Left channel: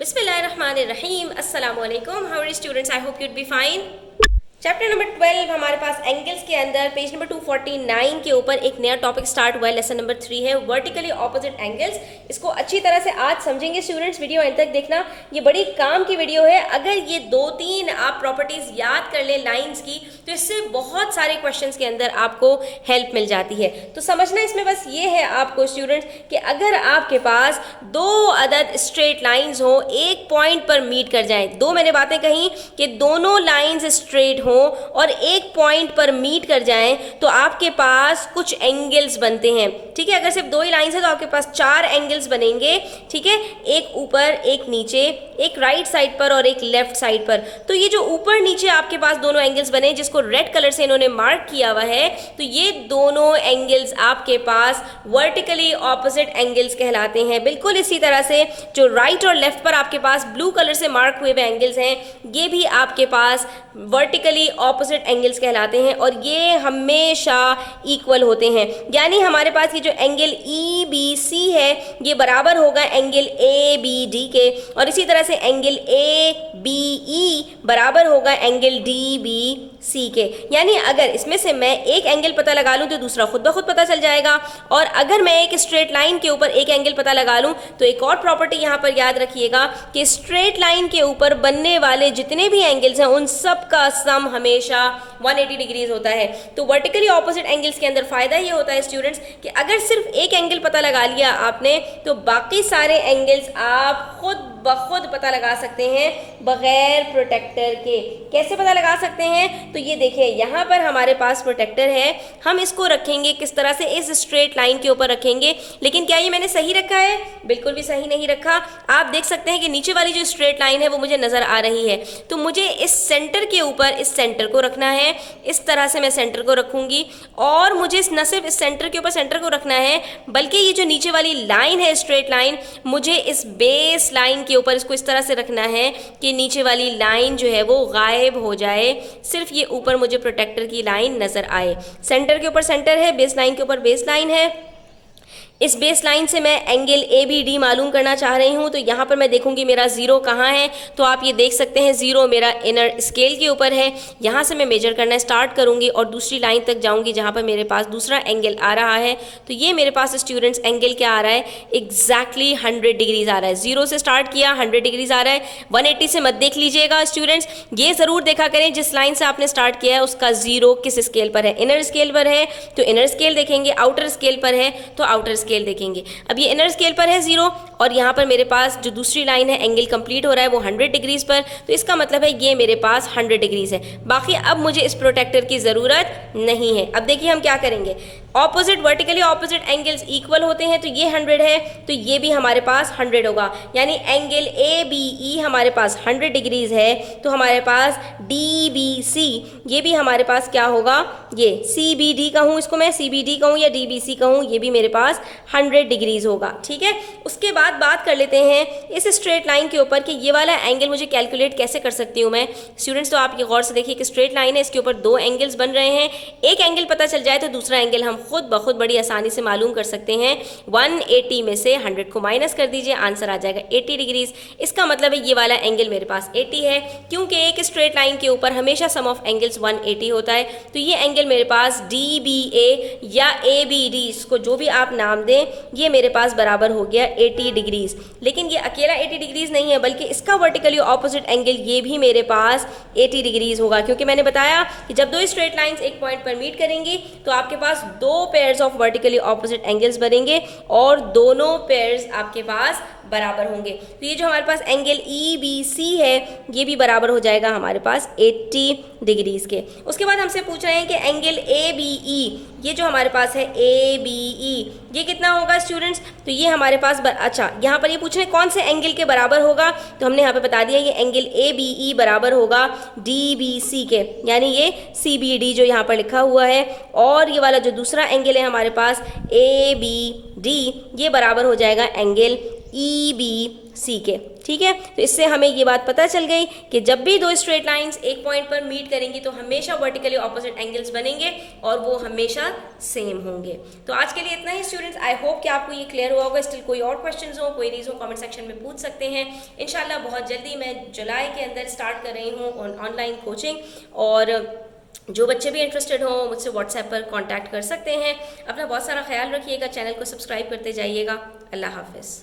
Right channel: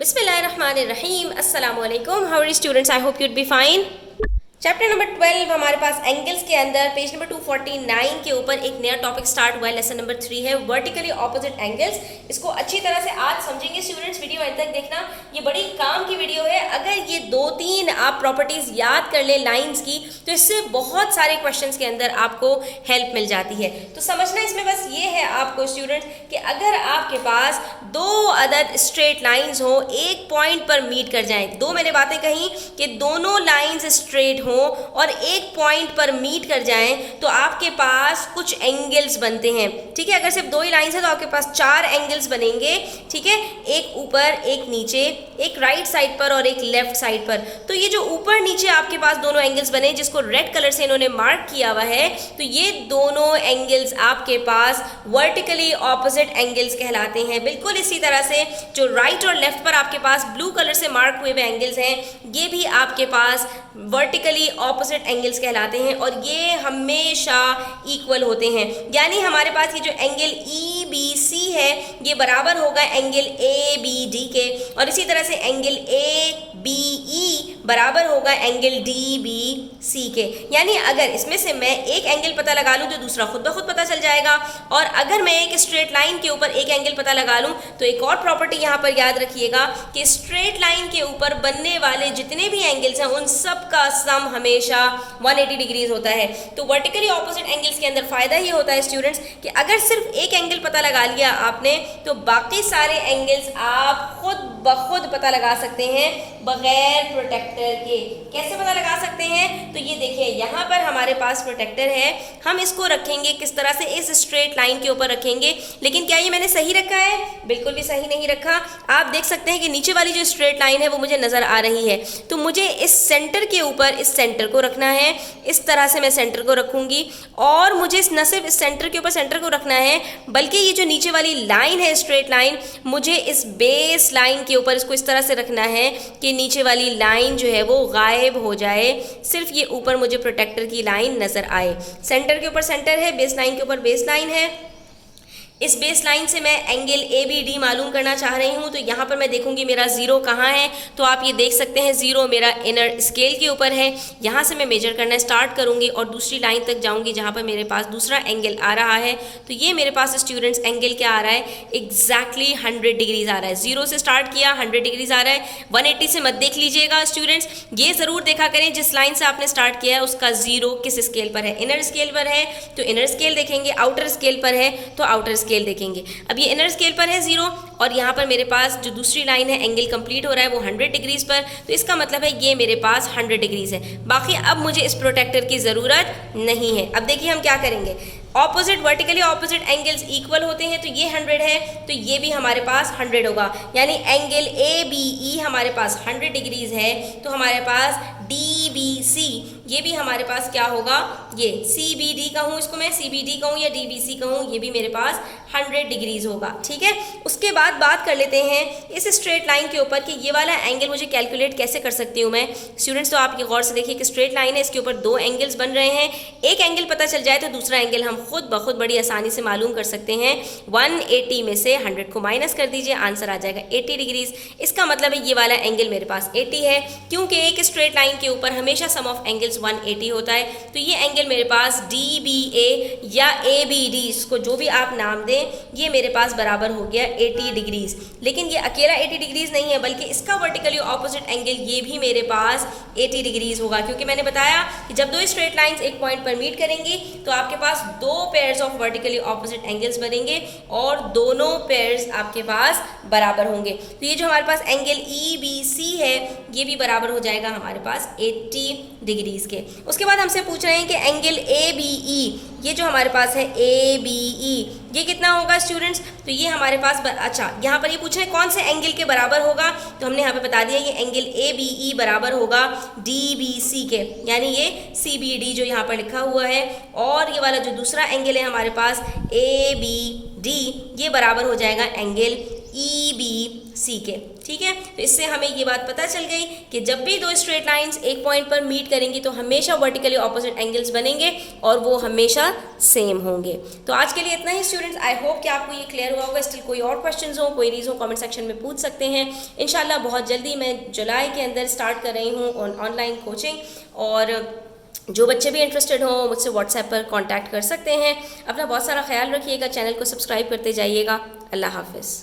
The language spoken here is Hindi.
बिस्मिल्लाहिर्रहमानिर्रहीम अस्सलाम वालेकुम। How are students, I hope you'd be fine. Chapter number 12 हमारे पास एंगल्स के अंदर पेज नंबर 249 के ऊपर एक नया टॉपिक स्टार्ट हुआ है। लेसन नंबर 3 है वर्टिकली ऑपोजिट एंगल्स। इसको अच्छी तरह से आज समझेंगे स्टूडेंट्स, वीडियो एंड तक देखना, ये बड़ी काम की वीडियो है। अगर ये 2-3 आप प्रॉपर्टीज याद कर ले लाइंस की तो इससे बहुत सारे क्वेश्चंस के अंदर आपको हेल्प मिल जाती है। तो समझना इसमें बस ये है आपको स्टूडेंट्स कि अगर आपके पास दो अदद स्ट्रेट लाइंस हो, एक पॉइंट पर मीट कर जाएं, दो मैंने बातें कही कि दोनों लाइंस स्ट्रेट हो और एक पॉइंट पर मीट कर जाएं तो आपके पास कुछ एंगल्स बनते हैं। ठीक है, अगर सिर्फ दो ही लाइंस है तो आपके पास 4 एंगल्स बनेंगे। ठीक है, एक ऊपर, एक नीचे, एक राइट साइड पर और एक लेफ्ट साइड पर। तो ये जो ऊपर नीचे आपके पास दोनों एंगल्स बने जिसको रेड कलर से इन्होंने मार्क किया हुआ है, तो ये दोनों एंगल्स आपके पास वर्टिकली ऑपोजिट एंगल्स कहलाते हैं। बिल्कुल इसी तरह से जो राइट और लेफ्ट पर आपके पास ब्लू कलर से मार्क हुए हुए एंगल्स हैं, ये भी आपके पास वर्टिकली ऑपोजिट एंगल्स कहलाते हैं और ये हमेशा इक्वल होते हैं। यानी हमारे पास ये जो एंगल ई बी सी है ये बराबर होगा एंगल ए बी डी के, और इसी तरह से एंगल ए बी ई बराबर होगा एंगल डी बी सी के। यानी अगर इसमें से मैं एक एंगल पता लगा लूँ तो दूसरा खुद ब खुद पता चल जाएगा, और अगर मैं एक स्ट्रेट लाइन के ऊपर एक एंगल पता लगा लूँ तो एक और प्रॉपर्टी यहाँ पर याद रखिएगा कि स्ट्रेट लाइन के ऊपर बनने वाले जितने भी एंगल्स हैं उन सब का सम हमेशा 180 डिग्रीज होता है। तो वर्टिकली ऑपोजिट एंगल्स के अंदर फायदा ये होता है स्टूडेंट्स कि अगर सिर्फ एक एंगल पता लगा लिया आपने तो बाकी सारे एंगल्स आप खुद ब खुद पता लगा सकते हैं बगैर प्रोटेक्टर के। कैसे पता लगा सकते हैं? तो ये देखिए यहाँ पर हमारे पास प्रोटेक्टर है, हम इसको रखेंगे किस तरह से, इस स्ट्रेट लाइन के ऊपर रखेंगे। लेकिन क्या ये मैंने सही रखा है? बिल्कुल भी सही नहीं रखा। आप देख सकते हैं कि नीचे वाली जो स्ट्रेट लाइन है वो मुझे नजर आ रही है, तो मुझे इस सेंटर के ऊपर इस सेंटर को रखना है। इस तरह से मैं सेंटर को रखूंगी, और मुझे न सिर्फ इस सेंटर के ऊपर सेंटर को रखना है बल्कि ये जो नीचे वाली लाइन है स्ट्रेट लाइन, मुझे इस बेस लाइन के ऊपर इसको इस तरह से रखना है कि नीचे वाली लाइन जो है वो गायब हो जाए, सिर्फ ये ऊपर मुझे प्रोटेक्टर की लाइन नजर आए। सेंटर के ऊपर सेंटर है, बेस लाइन के ऊपर बेस लाइन है। इस बेस लाइन से मैं एंगल ए बी डी मालूम करना चाह रही हूँ, तो यहाँ पर मैं देखूंगी मेरा जीरो कहाँ है। तो आप ये देख सकते हैं जीरो मेरा इनर स्केल के ऊपर है। यहाँ से मैं मेजर करना स्टार्ट करूँगी और दूसरी लाइन तक जाऊँगी जहाँ पर मेरे पास दूसरा एंगल आ रहा है। तो ये मेरे पास स्टूडेंट्स एंगल क्या आ रहा है? एग्जैक्टली 100 डिग्रीज आ रहा है। जीरो से स्टार्ट किया, 100 डिग्रीज आ रहा है। 180 से मत देख लीजिएगा स्टूडेंट्स, ये ज़रूर देखा करें जिस लाइन से आपने स्टार्ट किया है उसका जीरो किस स्केल पर है। इनर स्केल पर है तो इनर स्केल देखेंगे, आउटर स्केल पर है तो आउटर स्केल देखेंगे। अब ये इनर स्केल पर है जीरो, और यहाँ पर मेरे पास जो दूसरी लाइन है एंगल कंप्लीट हो रहा है वो 100 डिग्रीज पर, तो इसका मतलब है ये मेरे पास 100 डिग्रीज है। बाकी अब मुझे इस प्रोटेक्टर की ज़रूरत नहीं है। अब देखिए हम क्या करेंगे, opposite vertically opposite angles equal होते हैं, तो ये 100 है तो ये भी हमारे पास 100 होगा। यानी एंगल ए बी ई हमारे पास 100 डिग्रीज है, तो हमारे पास डी बी सी ये भी हमारे पास क्या होगा, ये सी बी डी कहूँ, इसको मैं सी बी डी कहूँ या डी बी सी कहूँ, ये भी मेरे पास 100 डिग्रीज होगा। ठीक है, उसके बाद बात कर लेते हैं इस स्ट्रेट लाइन के ऊपर कि ये वाला एंगल मुझे कैलकुलेट कैसे कर सकती हूँ मैं। स्टूडेंट्स तो आपके गौर से देखिए कि स्ट्रेट लाइन है, इसके ऊपर दो एंगल्स बन रहे हैं। एक एंगल पता चल जाए तो दूसरा एंगल हम खुद ब खुद बड़ी आसानी से मालूम कर सकते हैं। 180 में से 100 को माइनस कर दीजिए, आंसर आ जाएगा 80 डिग्रीज। इसका मतलब है ये वाला एंगल मेरे पास 80 है, क्योंकि एक स्ट्रेट लाइन के ऊपर हमेशा सम ऑफ एंगल्स 180 होता है। तो ये एंगल मेरे पास डी बी ए या ए बी डी, इसको जो भी आप नाम दें, ये मेरे पास बराबर हो गया 80 डिग्रीज। लेकिन ये अकेला 80 डिग्रीज नहीं है बल्कि इसका वर्टिकली ऑपोजिट एंगल ये भी मेरे पास 80 डिग्रीज होगा, क्योंकि मैंने बताया कि जब दो स्ट्रेट लाइंस एक पॉइंट पर मीट करेंगी तो आपके पास दो pairs of vertically opposite angles बनेंगे और दोनों पेयर्स आपके पास बराबर होंगे। तो ये जो हमारे पास एंगल ई बी सी है ये भी बराबर हो जाएगा हमारे पास 80 डिग्रीज के। उसके बाद हमसे पूछ रहे हैं कि एंगल ए बी ई, ये जो हमारे पास है ए बी ई, ये कितना होगा स्टूडेंट्स? तो ये हमारे पास अच्छा यहाँ पर ये पूछ रहे हैं कौन से एंगल के बराबर होगा, तो हमने यहाँ पे बता दिया ये एंगल ए बी ई बराबर होगा डी बी सी के, यानी ये सी बी डी जो यहाँ पर लिखा हुआ है, और ये वाला जो दूसरा एंगल है हमारे पास ए बी डी, ये बराबर हो जाएगा एंगल ई बी सी के। ठीक है, तो इससे हमें ये बात पता चल गई कि जब भी दो स्ट्रेट लाइंस एक पॉइंट पर मीट करेंगी तो हमेशा वर्टिकली ऑपोजिट एंगल्स बनेंगे और वो हमेशा सेम होंगे। तो आज के लिए इतना ही स्टूडेंट्स, आई होप कि आपको ये क्लियर हुआ होगा। स्टिल कोई और क्वेश्चंस हो, क्वेरीज हो, कमेंट सेक्शन में पूछ सकते हैं। इंशाल्लाह बहुत जल्दी मैं जुलाई के अंदर स्टार्ट कर रही हूँ ऑनलाइन कोचिंग, और जो बच्चे भी इंटरेस्टेड हो मुझसे व्हाट्सएप पर कांटेक्ट कर सकते हैं। अपना बहुत सारा ख्याल रखिएगा, चैनल को सब्सक्राइब करते जाइएगा। अल्लाह हाफिज़।